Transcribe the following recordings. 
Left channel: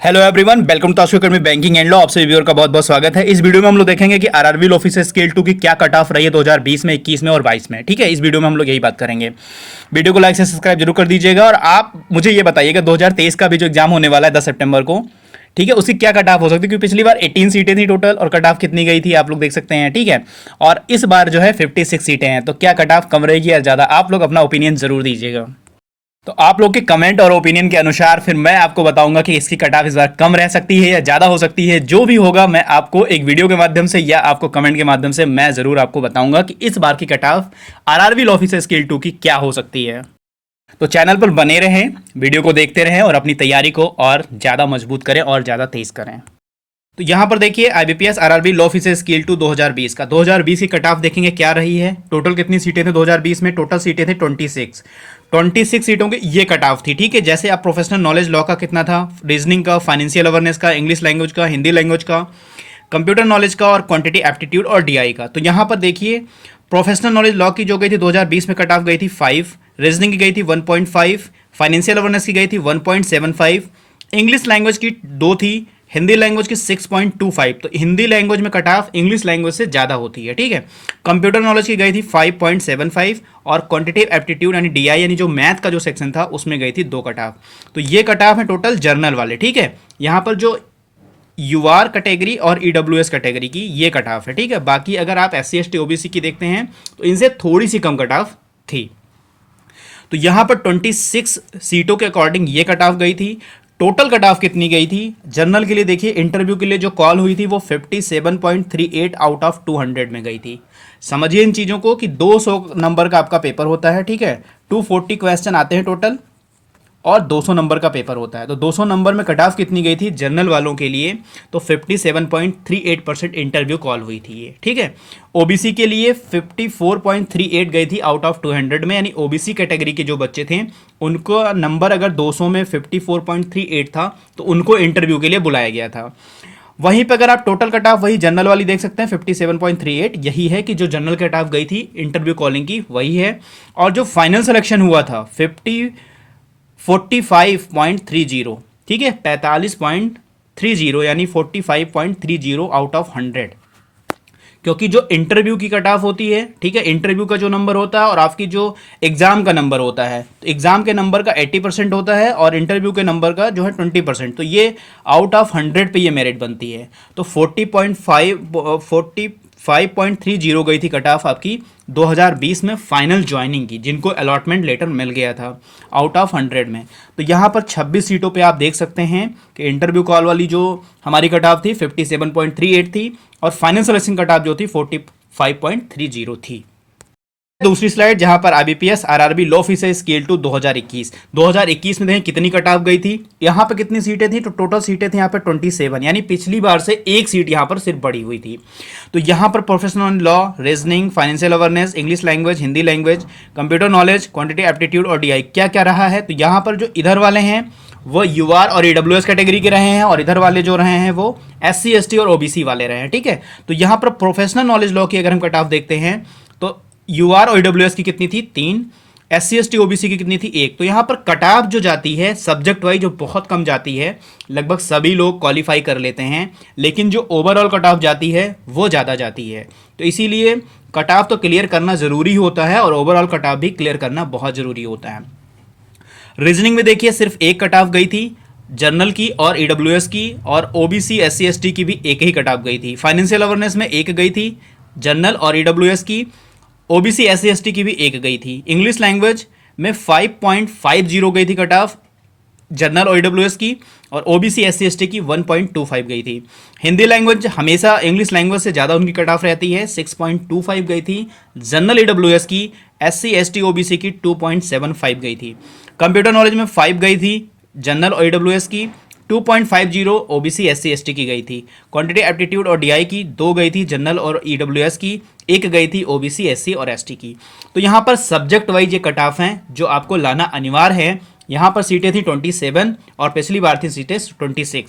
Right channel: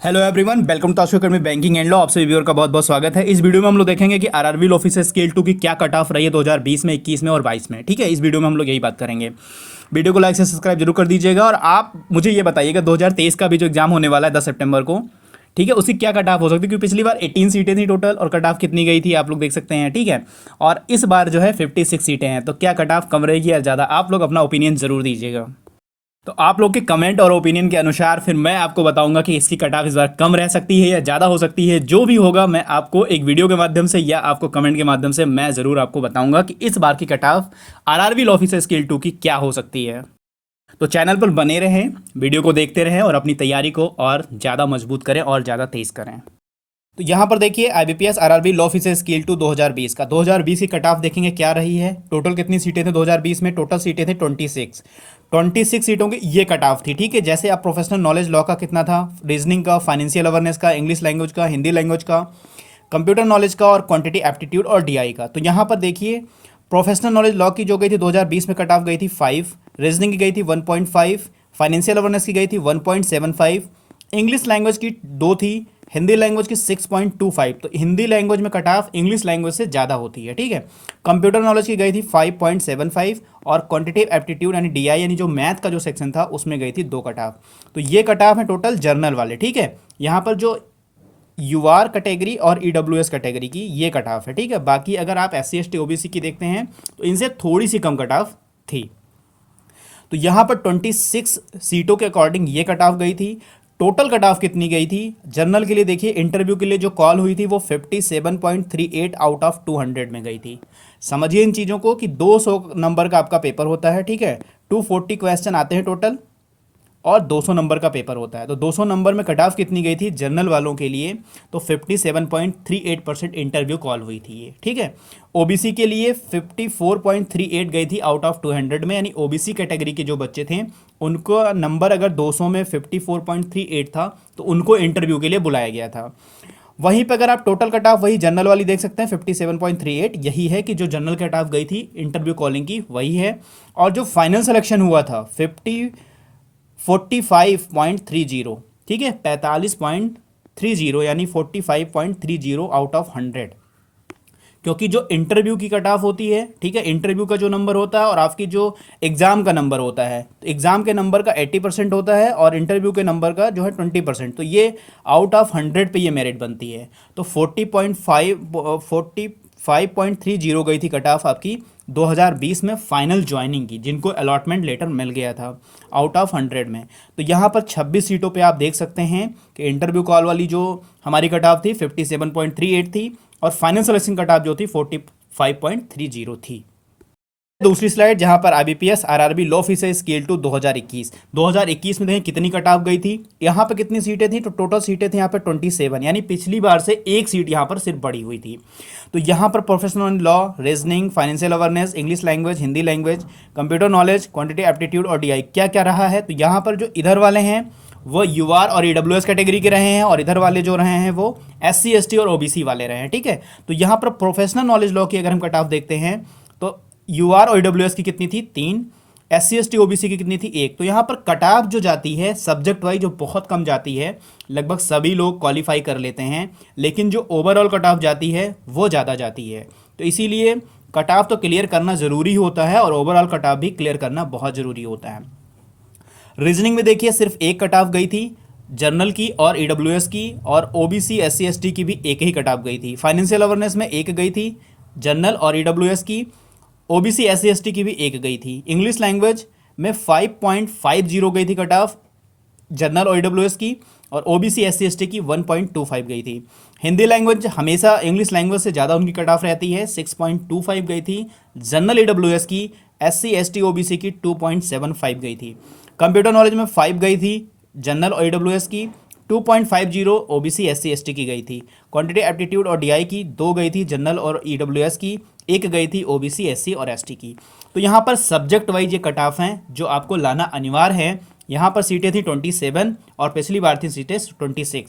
Hello everyone, welcome to Ashok banking and law. आपसे viewer का बहुत बहुत स्वागत है। इस वीडियो में हम लोग देखेंगे कि आरआरबी ऑफिसर स्केल 2 की क्या कट ऑफ रही है 2020 में, 21 में और 22 में। ठीक है, इस वीडियो में हम लोग यही बात करेंगे। वीडियो को लाइक से सब्सक्राइब जरूर कर दीजिएगा और आप मुझे ये बताइएगा 2023 का भी जो एग्जाम होने वाला है 10 सितंबर को, ठीक है, उसकी क्या कट ऑफ हो सकती है, क्योंकि पिछली बार 18 सीटें थी टोटल और कट ऑफ कितनी गई थी आप लोग देख सकते हैं। ठीक है, और इस बार जो है 56 सीटें हैं, तो क्या कट ऑफ कम रहेगी या ज़्यादा, आप लोग अपना ओपिनियन जरूर दीजिएगा। तो आप लोग के कमेंट और ओपिनियन के अनुसार फिर मैं आपको बताऊंगा कि इसकी कट ऑफ इस बार कम रह सकती है या ज़्यादा हो सकती है। जो भी होगा मैं आपको एक वीडियो के माध्यम से या आपको कमेंट के माध्यम से मैं ज़रूर आपको बताऊंगा कि इस बार की cut off RRB officer scale 2 की क्या हो सकती है। तो चैनल पर बने रहें, वीडियो को देखते रहें और अपनी तैयारी को और ज़्यादा मजबूत करें और ज़्यादा तेज़ करें। तो यहाँ पर देखिए IBPS RRB law officer scale 2 2020 का 2020 की कट ऑफ देखेंगे क्या रही है। टोटल कितनी सीटें थे 2020 में? टोटल सीटें थे 26 सीटों की ये कट ऑफ थी। ठीक है, जैसे आप प्रोफेशनल नॉलेज लॉ का कितना था, रीजनिंग का, फाइनेंशियल अवेयरनेस का, इंग्लिश लैंग्वेज का, हिंदी लैंग्वेज का, कंप्यूटर नॉलेज का और क्वांटिटी एप्टीट्यूड और डीआई का। तो यहाँ पर देखिए प्रोफेशनल नॉलेज लॉ की जो गई थी 2020 में कट ऑफ गई थी 5, रीजनिंग की गई थी 1.5, फाइनेंशियल अवेयरनेस की गई थी 1.75, इंग्लिश लैंग्वेज की 2 थी, हिंदी लैंग्वेज की 6.25। तो हिंदी लैंग्वेज में कट ऑफ इंग्लिश लैंग्वेज से ज़्यादा होती है। ठीक है, कंप्यूटर नॉलेज की गई थी 5.75 और क्वांटिटेटिव एप्टीट्यूड यानी डीआई यानी जो मैथ का जो सेक्शन था उसमें गई थी 2 कट ऑफ। तो ये कट ऑफ है टोटल जर्नल वाले। ठीक है, यहाँ पर जो यूआर कैटेगरी और ईडब्ल्यूएस कैटेगरी की ये कट ऑफ है। ठीक है, बाकी अगर आप एससी एसटी ओबीसी की देखते हैं तो इनसे थोड़ी सी कम कट ऑफ थी। तो यहाँ पर 26 सीटों के अकॉर्डिंग ये कट ऑफ गई थी। टोटल कट ऑफ कितनी गई थी जनरल के लिए? देखिए इंटरव्यू के लिए जो कॉल हुई थी वो 57.38 आउट ऑफ 200 में गई थी। समझिए इन चीज़ों को कि 200 नंबर का आपका पेपर होता है। ठीक है, 240 क्वेश्चन आते हैं टोटल और 200 नंबर का पेपर होता है। तो 200 नंबर में कट ऑफ कितनी गई थी जनरल वालों के लिए? तो 57.38% इंटरव्यू कॉल हुई थी ये। ठीक है, ओबीसी के लिए 54.38 गई थी आउट ऑफ 200 में, यानी ओबीसी कैटेगरी के जो बच्चे थे उनको नंबर अगर 200 में 54.38 था तो उनको इंटरव्यू के लिए बुलाया गया था। वहीं पर अगर आप टोटल कट ऑफ वही जनरल वाली देख सकते हैं 57.38, यही है कि जो जनरल कट ऑफ गई थी इंटरव्यू कॉलिंग की वही है। और जो फाइनल सिलेक्शन हुआ था 45.30, ठीक है, 45.30 यानी 45.30 आउट ऑफ 100, क्योंकि जो इंटरव्यू की कट ऑफ होती है, ठीक है, इंटरव्यू का जो नंबर होता है और आपकी जो एग्जाम का नंबर होता है, तो एग्जाम के नंबर का 80% होता है और इंटरव्यू के नंबर का जो है 20%। तो ये आउट ऑफ 100 पे ये मेरिट बनती है। तो 45.30 गई थी कट ऑफ आपकी 2020 में फाइनल ज्वाइनिंग की, जिनको अलॉटमेंट लेटर मिल गया था आउट ऑफ 100 में। तो यहाँ पर 26 सीटों पे आप देख सकते हैं कि इंटरव्यू कॉल वाली जो हमारी कट ऑफ थी 57.38 थी और फाइनल सिलेक्शन कट ऑफ जो थी 45.30 थी। दूसरी स्लाइड जहां पर IBPS RRB law officer scale 2 2021 में देखें कितनी कट ऑफ गई थी। यहाँ पे कितनी सीटें थी? तो टोटल सीटें थी यहाँ पे 27, यानी पिछली बार से एक सीट यहाँ पर सिर्फ बढ़ी हुई थी। तो यहाँ पर professional law, reasoning, financial awareness, English language, Hindi language, computer knowledge, quantity aptitude और डीआई क्या क्या रहा है? तो यहाँ पर जो इधर वाले हैं वो यूआर और ईडब्ल्यूएस कैटेगरी के रहे हैं और इधर वाले जो रहे हैं वो एससी एसटी और ओबीसी वाले रहे हैं। ठीक है, तो यहाँ पर प्रोफेशनल नॉलेज लॉ की अगर हम कट ऑफ देखते हैं तो यूआर और ईडब्ल्यूएस की कितनी थी? 3, एससी एसटी ओबीसी की कितनी थी? 1। तो यहाँ पर कट ऑफ जो जाती है सब्जेक्ट वाइज जो बहुत कम जाती है, लगभग सभी लोग क्वालिफाई कर लेते हैं, लेकिन जो ओवरऑल कट ऑफ जाती है वो ज़्यादा जाती है। तो इसीलिए कट ऑफ तो क्लियर करना ज़रूरी होता है और ओवरऑल कट ऑफ भी क्लियर करना बहुत ज़रूरी होता है। रीजनिंग में देखिए सिर्फ एक कट ऑफ गई थी जर्नल की और ईडब्ल्यूएस की, और ओबीसी एससी एसटी की भी एक ही कट ऑफ गई थी। फाइनेंशियल अवेयरनेस में एक गई थी जर्नल और ईडब्ल्यूएस की, ओबीसी एससी एसटी की भी एक गई थी। इंग्लिश लैंग्वेज में 5.50 गई थी कट ऑफ जनरल और ईडब्ल्यूएस की, और ओबीसी एससी एसटी की 1.25 गई थी। हिंदी लैंग्वेज हमेशा इंग्लिश लैंग्वेज से ज़्यादा उनकी कट ऑफ रहती है, 6.25 गई थी। जनरल ईडब्ल्यूएस की, एससी एसटी ओबीसी की 2.75 गई थी। कंप्यूटर नॉलेज में 5 गई थी जनरल और ईडब्ल्यूएस की, 2.50 ओबीसी एससी एसटी की गई थी। क्वांटिटी एप्टीट्यूड और डीआई की 2 गई थी जनरल और ईडब्ल्यूएस की, 1 गई थी ओबीसी एससी और एसटी की। तो यहाँ पर सब्जेक्ट वाइज ये कट ऑफ हैं जो आपको लाना अनिवार्य है। यहाँ पर सीटें थी 27 और पिछली बार थी सीटें 26।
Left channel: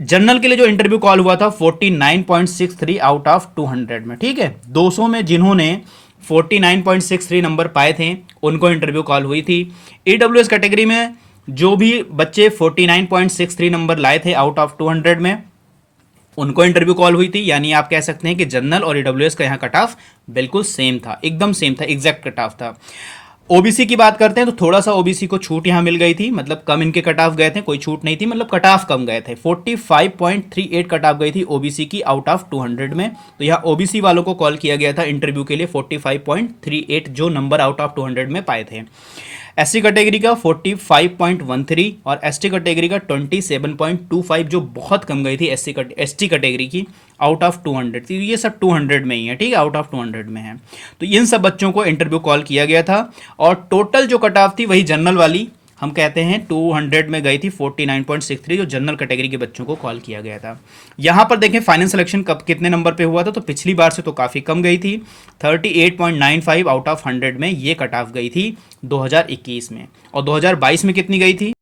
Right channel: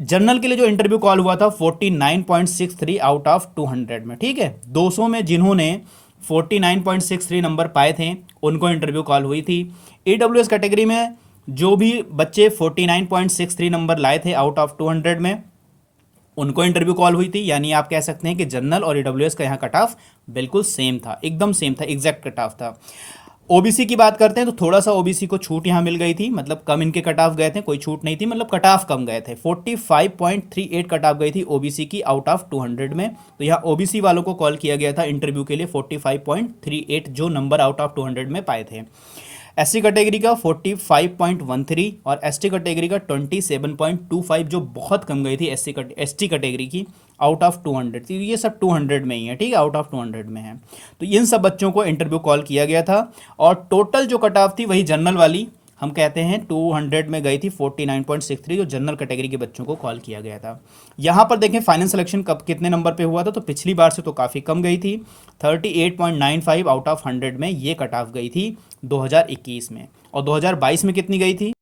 जनरल के लिए जो इंटरव्यू कॉल हुआ था 49.63 आउट ऑफ 200 में। ठीक है, 200 में जिन्होंने 49.63 नंबर पाए थे उनको इंटरव्यू कॉल हुई थी। ईडब्ल्यूएस कैटेगरी में जो भी बच्चे 49.63 नंबर लाए थे आउट ऑफ 200 में, उनको इंटरव्यू कॉल हुई थी। यानी आप कह सकते हैं कि जनरल और ईडब्ल्यूएस का यहाँ कट ऑफ बिल्कुल सेम था, एकदम सेम था, एग्जैक्ट कट ऑफ था। ओबीसी की बात करते हैं तो थोड़ा सा ओबीसी को छूट यहाँ मिल गई थी, मतलब कम इनके कट ऑफ गए थे, कोई छूट नहीं थी, मतलब कट ऑफ कम गए थे। 45.38 कट ऑफ गई थी ओबीसी की आउट ऑफ 200 में। तो यहाँ ओबीसी वालों को कॉल किया गया था इंटरव्यू के लिए 45.38 जो नंबर आउट ऑफ 200 में पाए थे। एससी कैटेगरी का 45.13 और एसटी कैटेगरी का 27.25 जो बहुत कम गई थी एसटी कैटेगरी की आउट ऑफ 200 थी। ये सब 200 में ही है, ठीक है, आउट ऑफ 200 में है। तो इन सब बच्चों को इंटरव्यू कॉल किया गया था और टोटल जो कट ऑफ थी वही जनरल वाली हम कहते हैं 200 में गई थी 49.63 जो जनरल कैटेगरी के बच्चों को कॉल किया गया था। यहाँ पर देखें फाइनल सिलेक्शन कब कितने नंबर पे हुआ था, तो पिछली बार से तो काफ़ी कम गई थी, 38.95 आउट ऑफ 100 में ये कट ऑफ गई थी 2021 में। और 2022 में कितनी गई थी,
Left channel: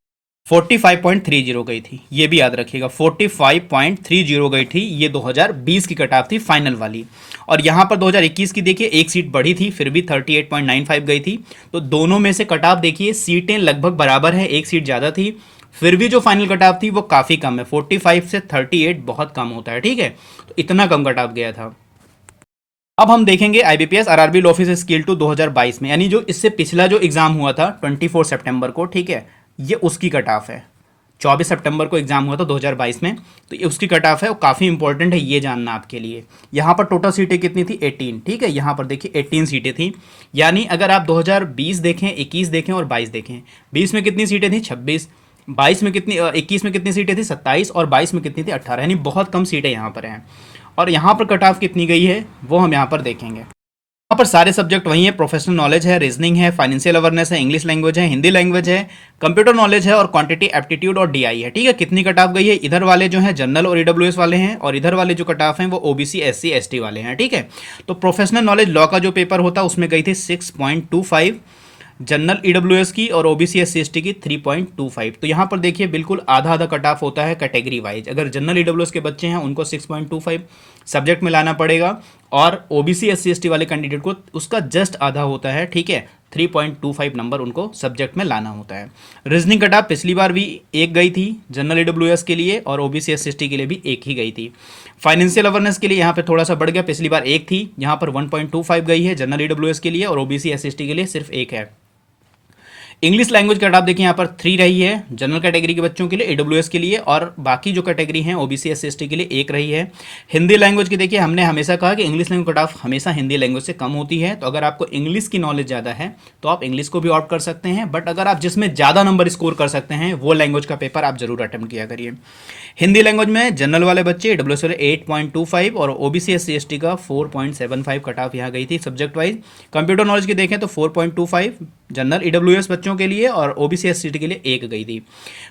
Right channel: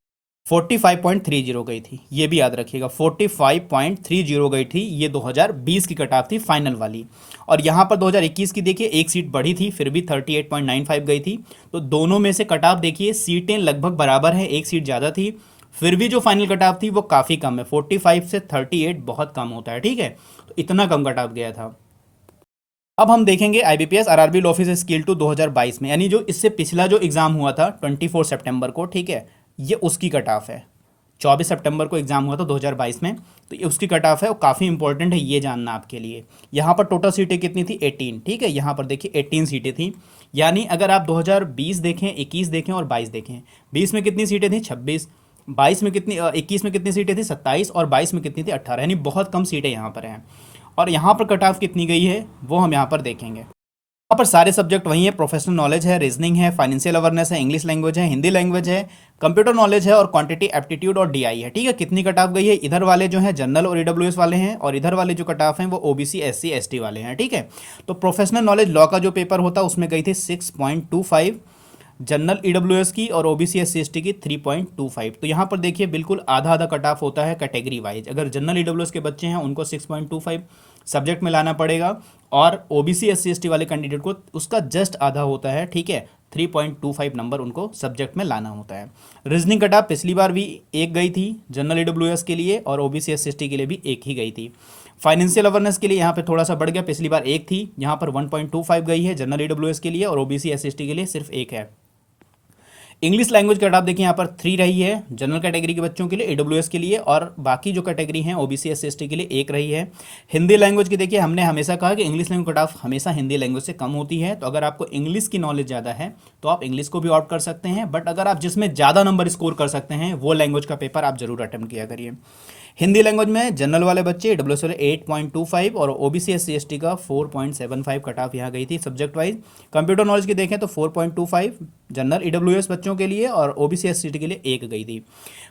45.30 गई थी, ये भी याद रखिएगा, 45.30 गई थी, ये 2020 की कट ऑफ थी फाइनल वाली। और यहाँ पर 2021 की देखिए एक सीट बढ़ी थी, फिर भी 38.95 गई थी। तो दोनों में से कट ऑफ देखिए सीटें लगभग बराबर है, एक सीट ज़्यादा थी, फिर भी जो फाइनल कट ऑफ थी वो काफ़ी कम है, 45 से 38 बहुत कम होता है, ठीक है, तो इतना कम कट ऑफ गया था। अब हम देखेंगे IBPS RRB law officer scale 2 2022 में, यानी जो इससे पिछला जो एग्ज़ाम हुआ था 24 सितंबर को, ठीक है, ये उसकी कट ऑफ है। 24 सितंबर को एग्जाम हुआ था 2022 में, तो ये उसकी कट ऑफ है, वो काफ़ी इंपॉर्टेंट है ये जानना आपके लिए। यहाँ पर टोटल सीटें कितनी थी, 18, ठीक है, यहाँ पर देखिए 18 सीटें थी। यानी अगर आप 2020 देखें, 21 देखें और 22 देखें, 20 में कितनी सीटें थी, 26, 22 में कितनी, 21 में कितनी सीटें थी, 27, और 22 में कितनी थी, 18, यानी बहुत कम सीटें यहाँ पर हैं। और यहाँ पर कट ऑफ कितनी गई है वो हम यहाँ पर देखेंगे। यहाँ पर सारे सब्जेक्ट वही है, प्रोफेशनल नॉलेज है, रीजनिंग है, फाइनेंशियल अवेयरनेस है, इंग्लिश लैंग्वेज है, हिंदी लैंग्वेज है, कंप्यूटर नॉलेज है और क्वांटिटी एप्टीट्यूड और डीआई है, ठीक है। कितनी कट ऑफ गई है, इधर वाले जो हैं जनरल और ईडब्ल्यूएस वाले हैं, और इधर वाले जो कट ऑफ हैं वो ओबीसी एससी एसटी वाले हैं, ठीक है। तो प्रोफेशनल नॉलेज लॉ का जो पेपर होता है उसमें गई थी 6.25, जनरल ईडब्ल्यूएस की और ओबीसी एससी एसटी की 3.25। तो यहाँ पर देखिए बिल्कुल आधा आधा कट ऑफ होता है कैटेगरी वाइज। अगर जनरल ईडब्ल्यूएस के बच्चे हैं उनको 6.25 सब्जेक्ट में लाना पड़ेगा, और ओबीसी एससी एसटी वाले कैंडिडेट को उसका जस्ट आधा होता है, ठीक है, 3.25 नंबर उनको सब्जेक्ट में लाना होता है। रीजनिंग कट ऑफ पिछली बार भी एक गई थी जनरल ईडब्ल्यूएस के लिए, और ओबीसी एससी एसटी के लिए भी एक ही गई थी। फाइनेंशियल अवेयरनेस के लिए यहाँ पे थोड़ा सा बढ़ गया, पिछली बार एक थी, यहाँ पर 1.25 गई है जनरल ईडब्ल्यूएस के लिए, और ओबीसी एससी एसटी के लिए सिर्फ एक है। इंग्लिश लैंग्वेज कट ऑफ देखिए यहाँ पर 3 रही है जनरल कैटेगरी के बच्चों के लिए, ईडब्ल्यूएस के लिए, और बाकी जो कैटेगरी हैं ओबीसी एससी एसटी के लिए एक रही है। हिंदी लैंग्वेज की देखिए हमने हमेशा कहा कि इंग्लिश लैंग्वेज कट ऑफ हमेशा हिंदी लैंग्वेज से कम होती है, तो अगर आपको इंग्लिश की नॉलेज ज़्यादा है तो आप इंग्लिश को भी ऑप्ट कर सकते हैं, बट अगर आप जिसमें ज़्यादा नंबर स्कोर कर सकते हैं वो लैंग्वेज का पेपर आप जरूर अटेम्प्ट किया करिए। हिंदी लैंग्वेज में जनरल वाले बच्चे ईडब्ल्यूएस वाले 8.25 और ओबीसी एससी एसटी का 4.75 कट ऑफ यहाँ गई थी सब्जेक्ट वाइज। कंप्यूटर नॉलेज की देखें तो 4.25 जनरल ईडब्ल्यूएस बच्चों के लिए और ओबीसी एससी एसटी के लिए एक गई थी।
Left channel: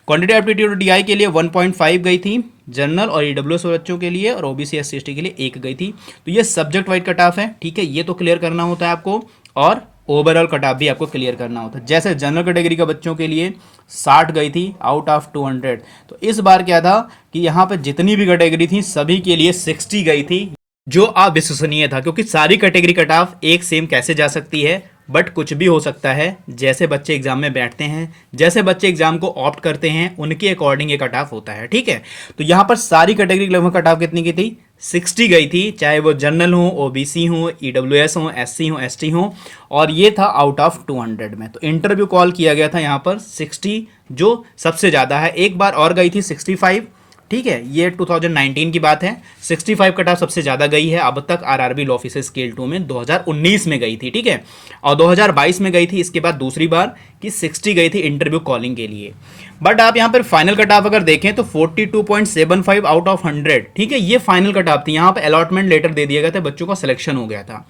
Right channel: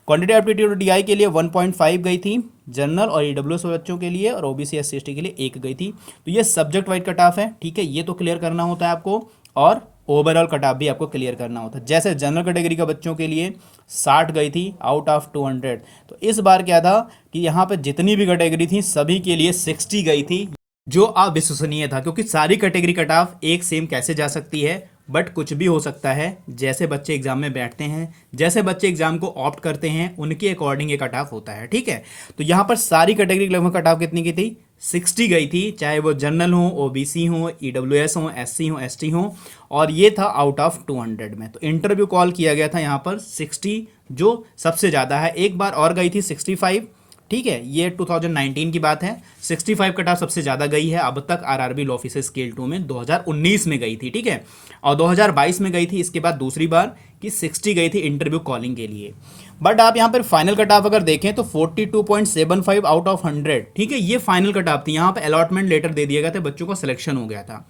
क्वांटिटी एप्टीट्यूड डीआई के लिए 1.5 गई थी जनरल और ईडब्ल्यूएस बच्चों के लिए, और ओबीसी एससी एसटी के लिए एक गई थी। तो ये सब्जेक्ट वाइज कट ऑफ है, ठीक है, ये तो क्लियर करना होता है आपको, और ओवरऑल कट ऑफ भी आपको क्लियर करना होता है। जैसे जनरल कैटेगरी का बच्चों के लिए 60 गई थी आउट ऑफ 200, तो इस बार क्या था कि यहाँ पर जितनी भी कैटेगरी थी सभी के लिए 60 गई थी, जो अविश्वसनीय था, क्योंकि सारी कैटेगरी कट ऑफ एक सेम कैसे जा सकती है, बट कुछ भी हो सकता है। जैसे बच्चे एग्जाम में बैठते हैं, जैसे बच्चे एग्जाम को ऑप्ट करते हैं, उनके अकॉर्डिंग ये कट ऑफ होता है, ठीक है। तो यहाँ पर सारी कैटेगरी लगभग कट ऑफ कितनी की थी, 60 गई थी, चाहे वो जनरल हो, ओबीसी हो, ईडब्ल्यूएस हो, एससी हो, एसटी हो, और ये था आउट ऑफ 200 में। तो इंटरव्यू कॉल किया गया था यहाँ पर 60 जो सबसे ज़्यादा है। एक बार और गई थी 65, ठीक है, ये 2019 की बात है। 65 कट ऑफ सबसे ज़्यादा गई है अब तक आरआरबी लॉ ऑफिसर स्केल 2 में, 2019 में गई थी, ठीक है, और 2022 में गई थी। इसके बाद दूसरी बार कि 60 गई थी इंटरव्यू कॉलिंग के लिए। बट आप यहाँ पर फाइनल कट ऑफ अगर देखें तो 42.75 आउट ऑफ 100, ठीक है, ये फाइनल कट ऑफ थी। यहाँ पर अलॉटमेंट लेटर दे दिया गया था, बच्चों का सिलेक्शन हो गया था।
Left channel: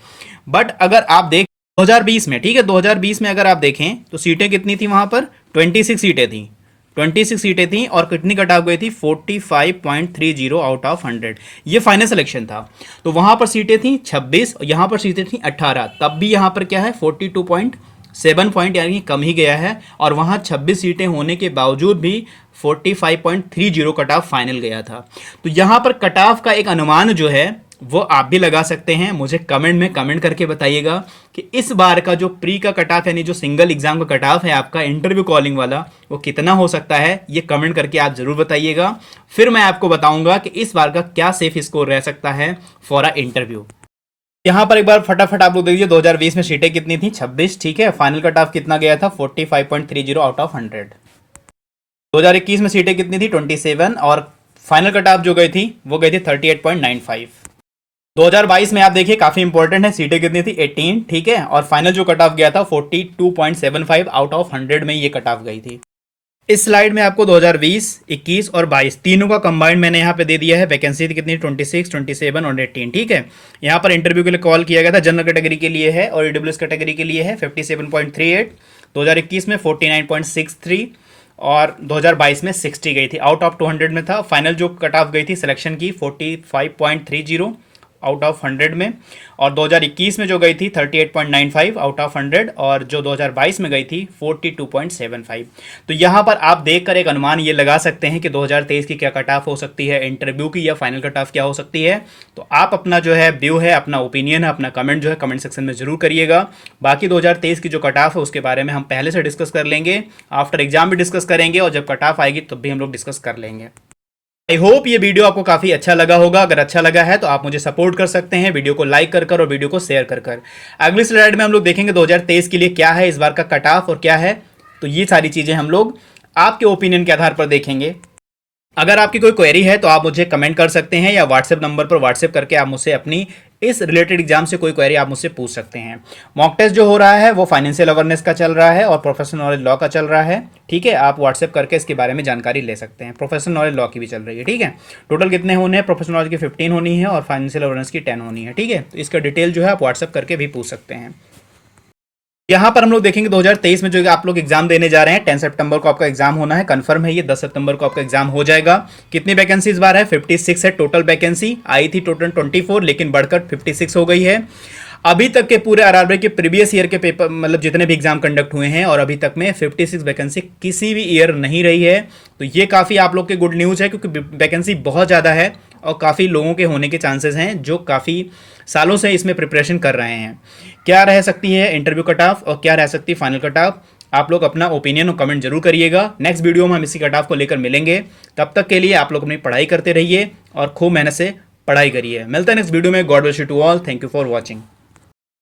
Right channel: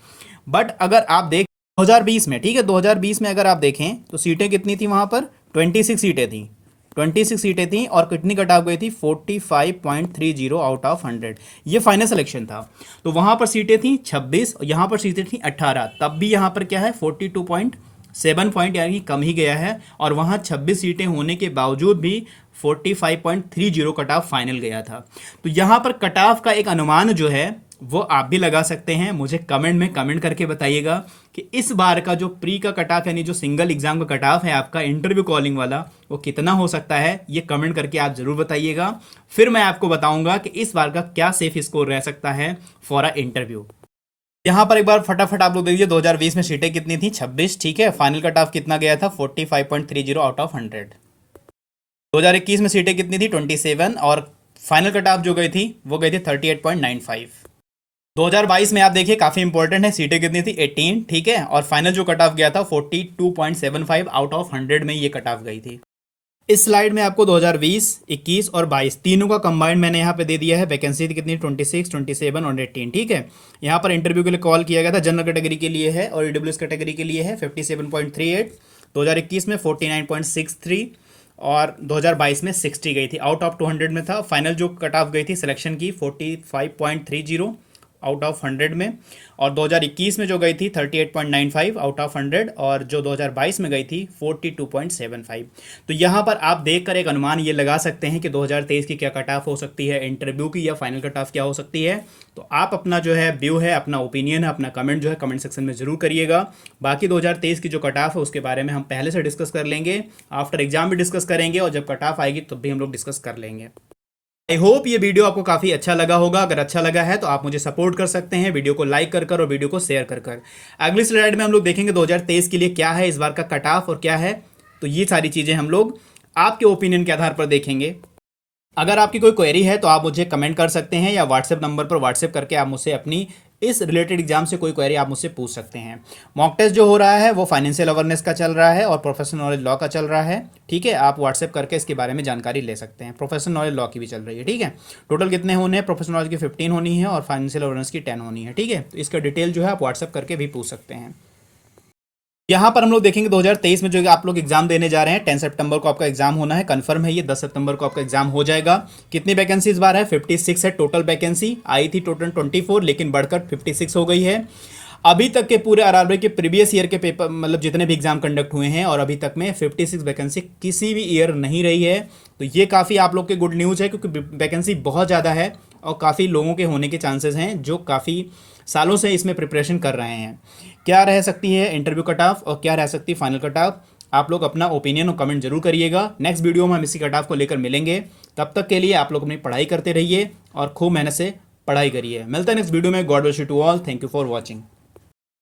बट अगर आप देख 2020 में, ठीक है, 2020 में अगर आप देखें तो सीटें कितनी थी, वहाँ पर 26 सीटें थी, 26 सीटें थी, और कितनी कट ऑफ गई थी, 45.30 आउट ऑफ 100, ये फाइनल सिलेक्शन था। तो वहाँ पर सीटें थी 26 और यहाँ पर सीटें थी 18, तब भी यहाँ पर क्या है 42.7 पॉइंट यानी कम ही गया है, और वहाँ 26 सीटें होने के बावजूद भी 45.30 कट ऑफ फाइनल गया था। तो यहाँ पर कट ऑफ का एक अनुमान जो है वो आप भी लगा सकते हैं। मुझे कमेंट में कमेंट करके बताइएगा कि इस बार का जो प्री का कट ऑफ यानी जो सिंगल एग्जाम का कट ऑफ है आपका इंटरव्यू कॉलिंग वाला, वो कितना हो सकता है। ये कमेंट करके आप जरूर बताइएगा। फिर मैं आपको बताऊंगा कि इस बार का क्या सेफ स्कोर रह सकता है फॉर अ इंटरव्यू। यहाँ पर एक बार फटाफट आप लोग देखिए 2020 में सीटें कितनी थी, 26। ठीक है, फाइनल कट ऑफ कितना गया था, 45.30 आउट ऑफ 100। 2021 में सीटें कितनी थी, 27, और फाइनल कट ऑफ जो गई थी वो गई थी 38.95। 2022 में आप देखिए काफी इंपॉर्टेंट है, सीटें कितनी थी, 18। ठीक है, और फाइनल जो कट ऑफ गया था 42.75 आउट ऑफ 100 में ये कट ऑफ गई थी। इस स्लाइड में आपको 2020, 21 और 22 तीनों का कंबाइंड मैंने यहाँ पे दे दिया है। वैकेंसी कितनी, 26, 27 और 18। ठीक है, यहाँ पर इंटरव्यू के लिए कॉल किया गया था, जनरल कैटेगरी के लिए है और ईडब्ल्यूएस कैटेगरी के लिए है 57.38। 2021 में 49.63 और 2022 में 60 गई थी, आउट ऑफ 200 में था। फाइनल जो कट ऑफ गई थी सिलेक्शन की 45.30 आउट ऑफ 100 में, और 2021 में जो गई थी 38.95 आउट ऑफ 100, और जो 2022 में गई थी 42.75। तो यहाँ पर आप देखकर एक अनुमान ये लगा सकते हैं कि 2023 की क्या कट ऑफ हो सकती है इंटरव्यू की, या फाइनल कट ऑफ क्या हो सकती है। तो आप अपना जो है व्यू है, अपना ओपिनियन है, अपना कमेंट जो है कमेंट सेक्शन में जरूर करिएगा। बाकी 2023 की जो कट ऑफ है उसके बारे में हम पहले से डिस्कस कर लेंगे, आफ्टर एग्जाम भी डिस्कस करेंगे, और जब कट ऑफ आएगी तब भी हम लोग डिस्कस कर लेंगे। आई होप ये वीडियो आपको काफी अच्छा लगा होगा। अगर अच्छा लगा है तो आप मुझे सपोर्ट कर सकते हैं वीडियो को लाइक कर और वीडियो को शेयर कर। अगली स्लाइड में हम लोग देखेंगे 2023 के लिए क्या है इस बार का कट ऑफ और क्या है। तो ये सारी चीजें हम लोग आपके ओपिनियन के आधार पर देखेंगे। अगर आपकी कोई क्वेरी है तो आप मुझे कमेंट कर सकते हैं, या व्हाट्सएप नंबर पर व्हाट्सएप करके आप मुझसे अपनी इस रिलेटेड एग्जाम से कोई क्वेरी आप मुझसे पूछ सकते हैं। मॉक टेस्ट जो हो रहा है वो फाइनेंशियल अवेयरनेस का चल रहा है और प्रोफेशनल नॉलेज लॉ का चल रहा है। ठीक है, आप व्हाट्सएप करके इसके बारे में जानकारी ले सकते हैं। प्रोफेशनल नॉलेज लॉ की भी चल रही है। ठीक है, टोटल कितने होने हैं, प्रोफेशनल नॉलेज की 15 होनी है और फाइनेंशियल अवेयरनेस की 10 होनी है। ठीक है, तो इसका डिटेल जो है आप व्हाट्सएप करके भी पूछ सकते हैं। यहाँ पर हम लोग देखेंगे 2023 में जो आप लोग एग्जाम देने जा रहे हैं, 10 सितंबर को आपका एग्जाम होना है, कंफर्म है ये, 10 सितंबर को आपका एग्जाम हो जाएगा। कितनी वैकेंसी इस बार है, 56 है टोटल वैकेंसी। आई थी टोटल 24 लेकिन बढ़कर 56 हो गई है। अभी तक के पूरे आरआरबी के प्रीवियस ईयर के पेपर मतलब जितने भी एग्जाम कंडक्ट हुए हैं, और अभी तक में 56 वैकेंसी किसी भी ईयर नहीं रही है। तो ये काफ़ी आप लोग के गुड न्यूज़ है, क्योंकि वैकेंसी बहुत ज़्यादा है और काफ़ी लोगों के होने के चांसेस हैं जो काफ़ी सालों से इसमें प्रिपरेशन कर रहे हैं। क्या रह सकती है इंटरव्यू कट ऑफ और क्या रह सकती है फाइनल कट ऑफ, आप लोग अपना ओपिनियन और कमेंट जरूर करिएगा। नेक्स्ट वीडियो में हम इसी कट ऑफ को लेकर मिलेंगे। तब तक के लिए आप लोग अपनी पढ़ाई करते रहिए और खूब मेहनत से पढ़ाई करिए। मिलता है नेक्स्ट वीडियो में। God bless you to all. Thank you for watching.